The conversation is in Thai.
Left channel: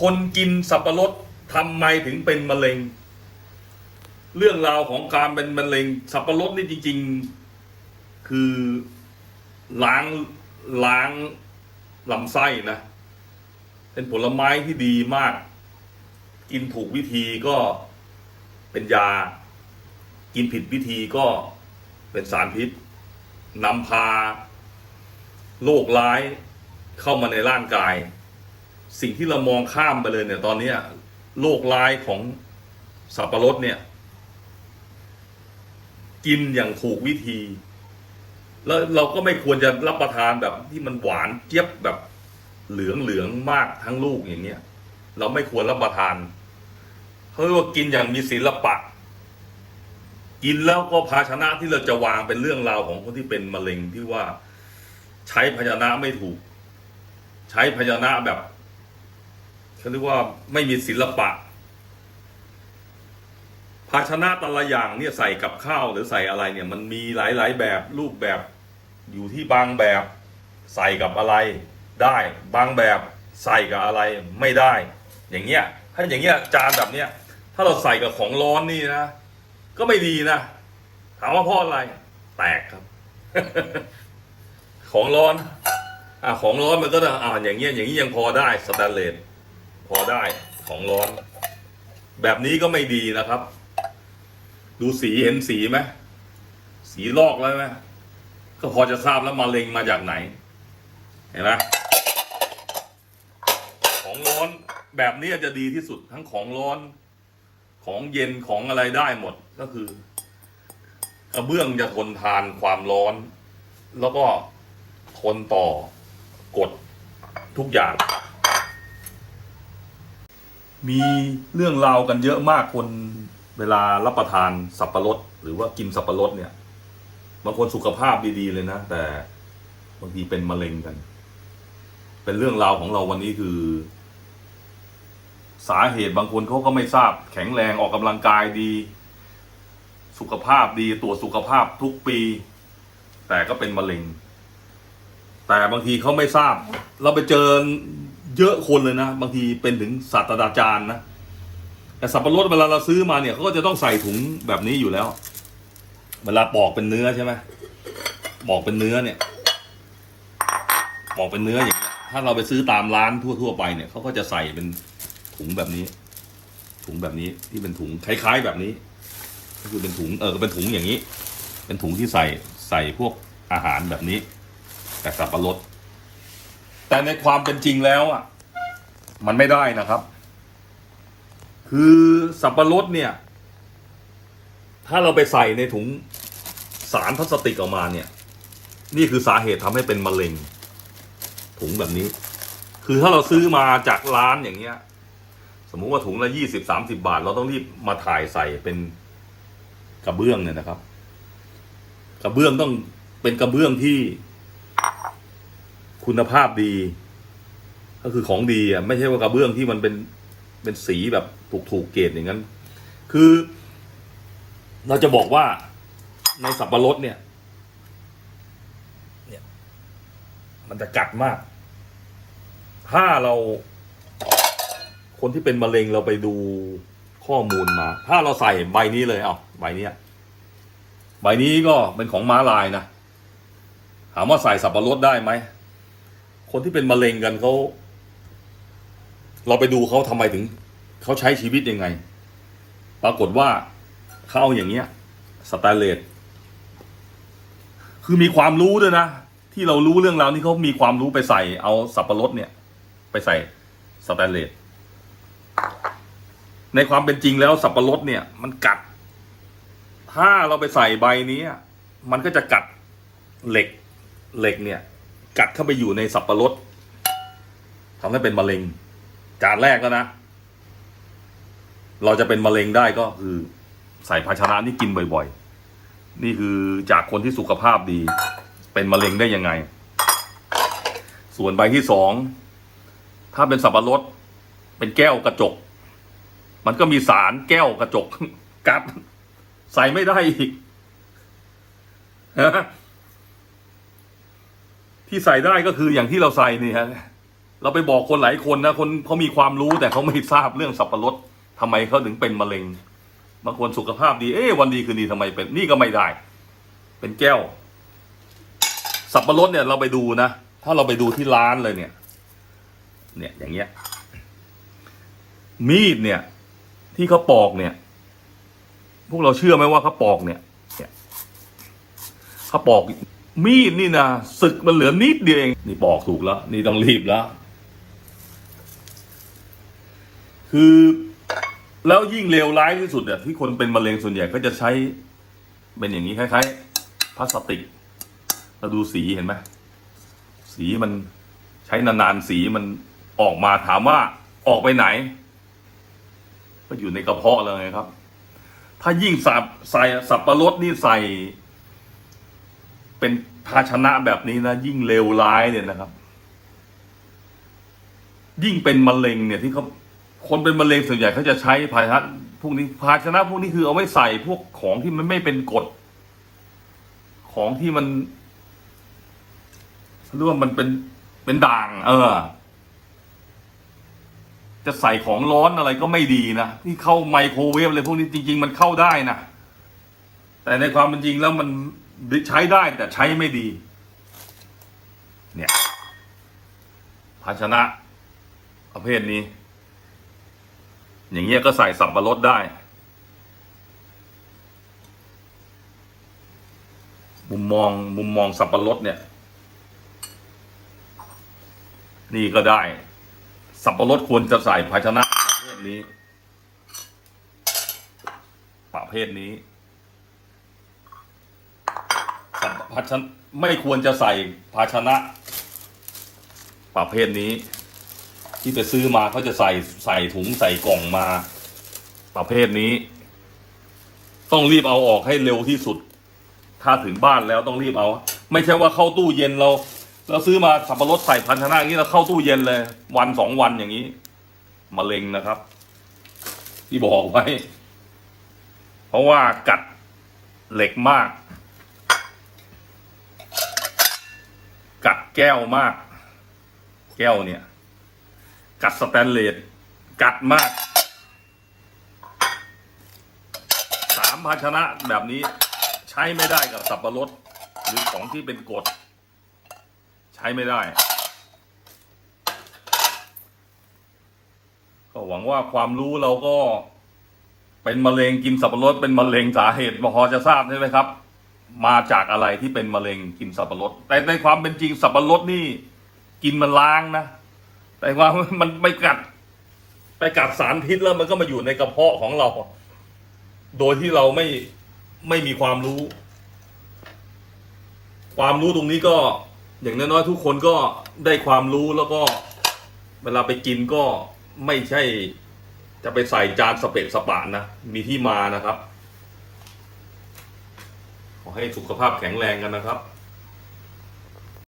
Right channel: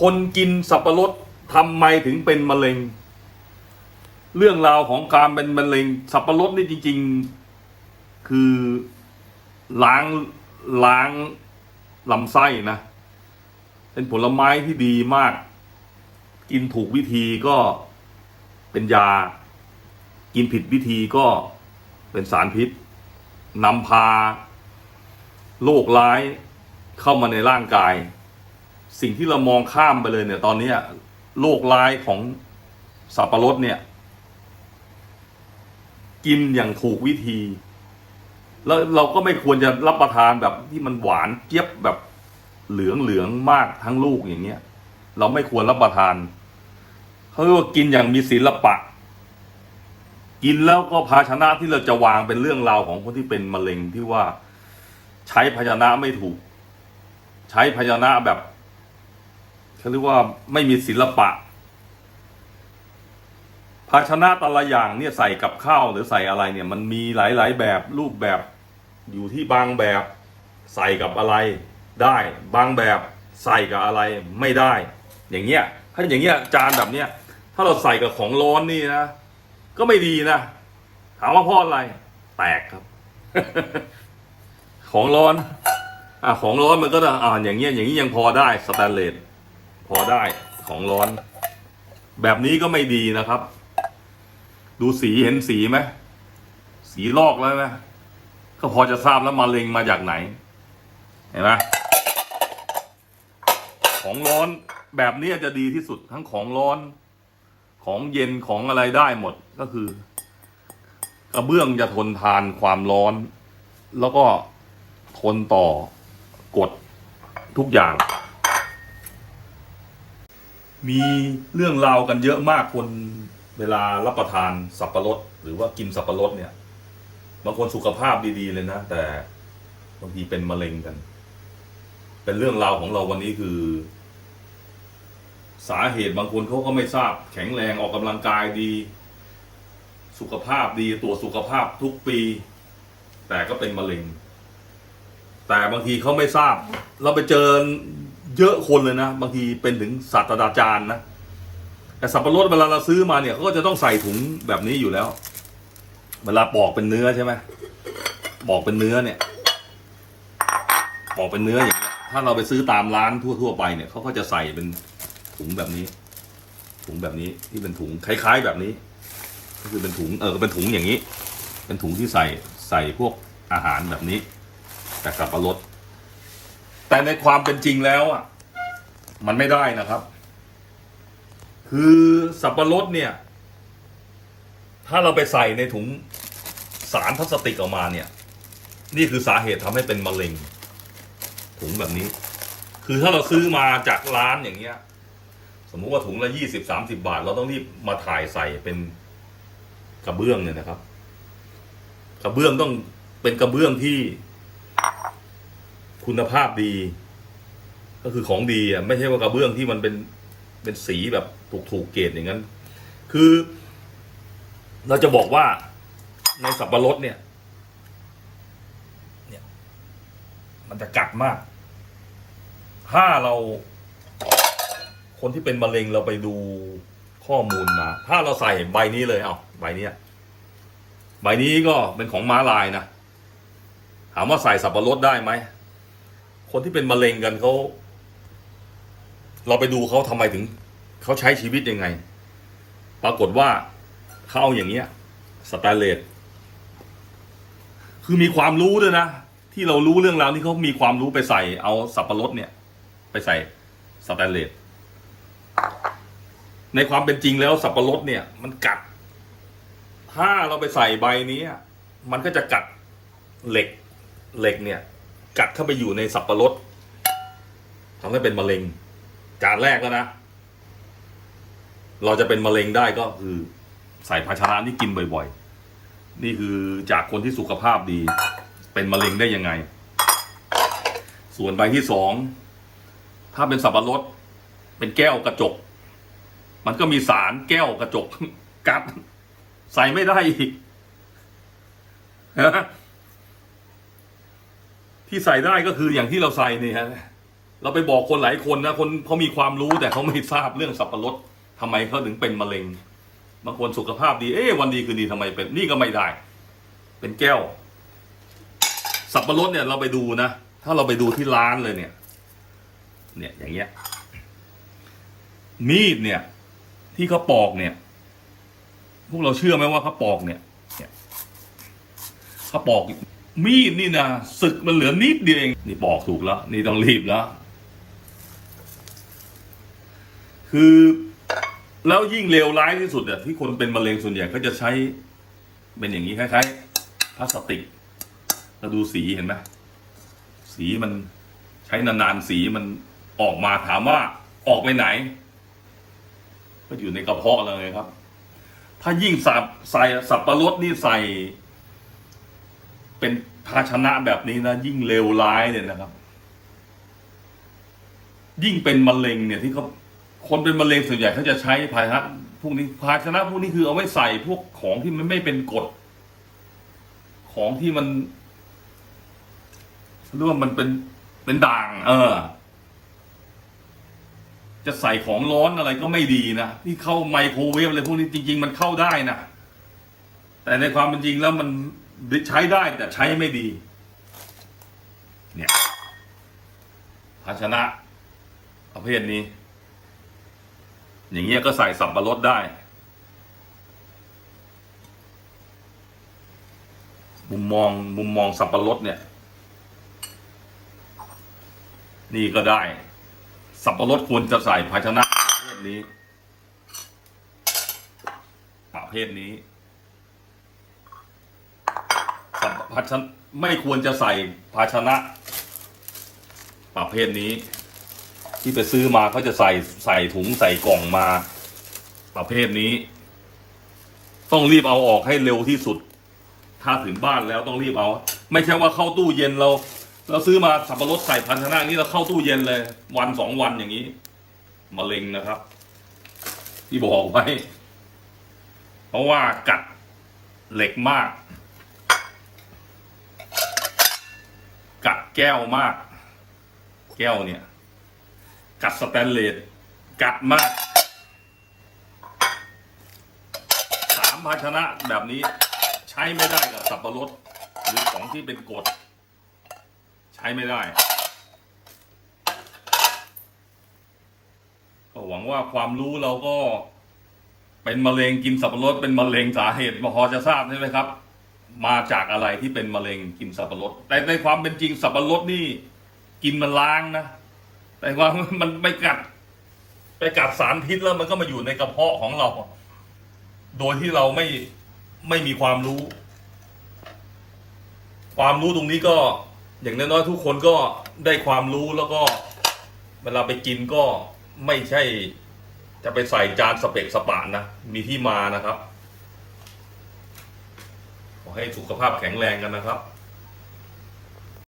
คนกินสับปะรดทำไมถึงเป็นมะเร็ง เรื่องราวของการเป็นมะเร็ง สับปะรดนี่จริง ๆ คือล้างล้างลำไส้นะ เป็นผลไม้ที่ดีมาก กินถูกวิธีก็เป็นยา กินผิดวิธีก็เป็นสารพิษนำพาโรคร้ายเข้ามาในร่างกาย สิ่งที่เรามองข้ามไปเลยเนี่ย ตอนนี้โรคร้ายของสับปะรดเนี่ย กินอย่างถูกวิธี แล้วเราก็ไม่ควรจะรับประทานแบบที่มันหวานเจี๊ยบแบบเหลืองเหลืองมากทั้งลูกอย่างเงี้ย เราไม่ควรรับประทานเขาเรียกว่ากินอย่างมีศิลปะ กินแล้วก็ภาชนะที่เราจะวางเป็นเรื่องราวของคนที่เป็นมะเร็งที่ว่า ใช้ภาชนะไม่ถูก ใช้ภาชนะแบบ เขาเรียกว่าไม่มีศิลปะ ภาชนะแต่ละอย่างเนี่ยใส่กับข้าวหรือใส่อะไรเนี่ย มันมีหลาย ๆ แบบรูปแบบอยู่ที่บางแบบใส่กับอะไรได้ บางแบบใส่กับอะไรไม่ได้ อย่างเงี้ยถ้าอย่างเงี้ยจานแบบเนี้ยถ้าเราใส่กับของร้อนนี่นะ ก็ไม่ดีนะ ถามว่าเพราะอะไร แตกครับ ของร้อน อะของร้อนมันก็จะอ่าอย่างเงี้ยอย่างนี้ยังพอได้สแตนเลส พอได้ของร้อน แบบนี้ก็ไม่ดีนะครับ ดูสีเห็นสีไหมสีลอกแล้วไหมก็พอจะทราบแล้วมาเลงมาจากไหน เห็นไหมของร้อนแบบนี้จะดีที่สุดทั้งของร้อน ของเย็นของอะไรได้หมดก็คือกระเบื้องจะทนทานความร้อน แล้วก็ทนต่อกฎทุกอย่าง มีเรื่องราวกันเยอะมากคนเวลารับประทานสับปะรดหรือว่ากินสับปะรดเนี่ยบางคนสุขภาพดีๆเลยนะ แต่บางทีเป็นมะเร็งกัน เป็นเรื่องราวของเราวันนี้คือ สาเหตุบางคนเขาก็ไม่ทราบ แข็งแรงออกกำลังกายดี สุขภาพดีตรวจสุขภาพทุกปี แต่ก็เป็นมะเร็ง แต่บางทีเขาไม่ทราบ เราไปเจอ เยอะคนเลยนะ บางทีเป็นถึงศาสตราจารย์นะแต่สับปะรดเวลาเราซื้อมาเนี่ยเขาก็จะต้องใส่ถุงแบบนี้อยู่แล้ว เวลาปอกเป็นเนื้อใช่ไหมปอกเป็นเนื้อเนี่ยปอกเป็นเนื้ออย่างเงี้ยถ้าเราไปซื้อตามร้านทั่วๆไปเนี่ยเขาก็จะใส่เป็นถุงแบบนี้ ถุงแบบนี้ที่เป็นถุงคล้าย ๆ แบบนี้ ก็คือเป็นถุงเออเป็นถุงอย่างนี้ เป็นถุงที่ใส่ใส่พวกอาหารแบบนี้ แต่สับปะรด แต่ในความเป็นจริงแล้วอะ มันไม่ได้นะครับ คือสับปะรดเนี่ย ถ้าเราไปใส่ในถุงสารพลาสติกออกมาเนี่ย นี่คือสาเหตุทำให้เป็นมะเร็ง ถุงแบบนี้ คือถ้าเราซื้อมาจากร้านอย่างเงี้ย สมมุติว่าถุงละยี่สิบสามสิบาท เราต้องรีบมาถ่ายใส่เป็นกระเบื้องเนี่ยนะครับ กระเบื้องต้องเป็นกระเบื้องที่ คุณภาพดี ก็คือของดีอะไม่ใช่ว่ากระเบื้องที่มันเป็นเป็นสีแบบถูกถูกเกรดอย่างนั้น คือ เราจะบอกว่าในสับปะรดเนี่ยเนี่ย มันจะกัดมาก ถ้าเรา คนที่เป็นมะเร็งเราไปดูข้อมูลมา ถ้าเราใส่ใบนี้เลยเอาใบนี้ใบนี้ก็เป็นของม้าลายนะถามว่าใส่สับปะรดได้ไหม คนที่เป็นมะเร็งกันเขาเราไปดูเขาทำไมถึงเขาใช้ชีวิตยังไง ปรากฏว่าเขาเอาอย่างเงี้ยสแตนเลสคือมีความรู้ด้วยนะ ที่เรารู้เรื่องราวที่เขามีความรู้ไปใส่ เอาสับปะรดเนี่ย ไปใส่สแตนเลสในความเป็นจริงแล้วสับปะรดเนี่ย มันกัด ถ้าเราไปใส่ใบนี้ มันก็จะกัดเหล็กเหล็กเนี่ย กัดเข้าไปอยู่ในสับปะรดทำให้เป็นมะเร็ง จานแรกก็นะ เราจะเป็นมะเร็งได้ก็คือ ใส่ภาชนะที่กินบ่อยๆ นี่คือจากคนที่สุขภาพดี เป็นมะเร็งได้ยังไง ส่วนใบที่สองถ้าเป็นสับปะรดเป็นแก้วกระจก มันก็มีสารแก้วกระจกกัดใส่ไม่ได้อีกนะ ที่ใส่ได้ก็คืออย่างที่เราใส่นี่ฮะเราไปบอกคนหลายคนนะคนเขามีความรู้แต่เขาไม่ทราบเรื่องสับปะรดทำไมเขาถึงเป็นมะเร็งบางคนสุขภาพดีเอ๊ะวันดีคืนดีทำไมเป็นนี่ก็ไม่ได้ เป็นแก้ว สับปะรดเนี่ยเราไปดูนะถ้าเราไปดูที่ร้านเลยเนี่ย เนี่ยอย่างเงี้ย มีดเนี่ย ที่เขาปอกเนี่ย พวกเราเชื่อไหมว่าเขาปอกเนี่ยเนี่ยเขาปอก มีดนี่นะศึกมันเหลือนิดเดียวเองนี่ปอกถูกแล้ว นี่ต้องรีบแล้ว คือแล้วยิ่งเลวร้ายที่สุดเนี่ยที่คนเป็นมะเร็งส่วนใหญ่เขาจะใช้ เป็นอย่างนี้คล้ายๆพลาสติกเราดูสีเห็นไหมสีมันใช้นานๆสีมันออกมาถามว่าออกไปไหน ก็อยู่ในกระเพาะเลยครับ ถ้ายิ่งสับใส่สับปะรดนี่ใส่ เป็นภาชนะแบบนี้นะ ยิ่งเลวร้ายเนี่ยนะครับ ยิ่งเป็นมะเร็งเนี่ยที่เขาคนเป็นมะเร็งส่วนใหญ่เขาจะใช้ภาชนะพวกนี้ภาชนะพวกนี้คือเอาไว้ใส่พวกของที่มันไม่เป็นกรดของที่มันเรียกว่ามันเป็นเป็นด่าง เออ จะใส่ของร้อนอะไรก็ไม่ดีนะที่เข้าไมโครเวฟอะไรพวกนี้จริง ๆ มันเข้าได้นะแต่ในความเป็นจริงแล้วมัน ใช้ได้แต่ใช้ไม่ดี เนี่ย ภาชนะประเภทนี้ อย่างเงี้ยก็ใส่สับปะรดได้ มุมมองมุมมองสับปะรดเนี่ย นี่ก็ได้ สับปะรดควรจะใส่ภาชนะประเภทนี้ประเภทนี้ สับ ภาชนะไม่ควรจะใส่ภาชนะประเภทนี้ ที่ไปซื้อมาเขาจะใส่ใส่ถุงใส่กล่องมา ประเภทนี้ ต้องรีบเอาออกให้เร็วที่สุด ถ้าถึงบ้านแล้วต้องรีบเอา ไม่ใช่ว่าเข้าตู้เย็นเราเราซื้อมาสับปะรดใส่พันธนานี้เราเข้าตู้เย็นเลย วันสองวันอย่างนี้มะเร็งนะครับ ที่บอกไว้ เพราะว่ากัดเหล็กมาก กัดแก้วมาก แก้วเนี่ย กัดสแตนเลสกัดมากสามภาชนะแบบนี้ใช้ไม่ได้กับสับปะรดหรือของที่เป็นกรดใช้ไม่ได้ ก็หวังว่าความรู้เราก็เป็นมะเร็งกินสับปะรดเป็นมะเร็งสาเหตุพอจะทราบใช่ไหมครับ มาจากอะไรที่เป็นมะเร็งกินสับปะรด แต่ในความเป็นจริงสับปะรดนี่ กินมันล้างนะ แต่ว่ามันไปกัด ไปกัดสารพิษแล้วมันก็มาอยู่ในกระเพาะของเรา โดยที่เราไม่ไม่มีความรู้ ความรู้ตรงนี้ก็อย่างน้อยๆทุกคนก็ได้ความรู้แล้วก็เวลาไปกินก็ไม่ใช่ จะไปใส่จานสเปกสปะนะ มีที่มานะครับ ขอให้สุขภาพแข็งแรงกันนะครับ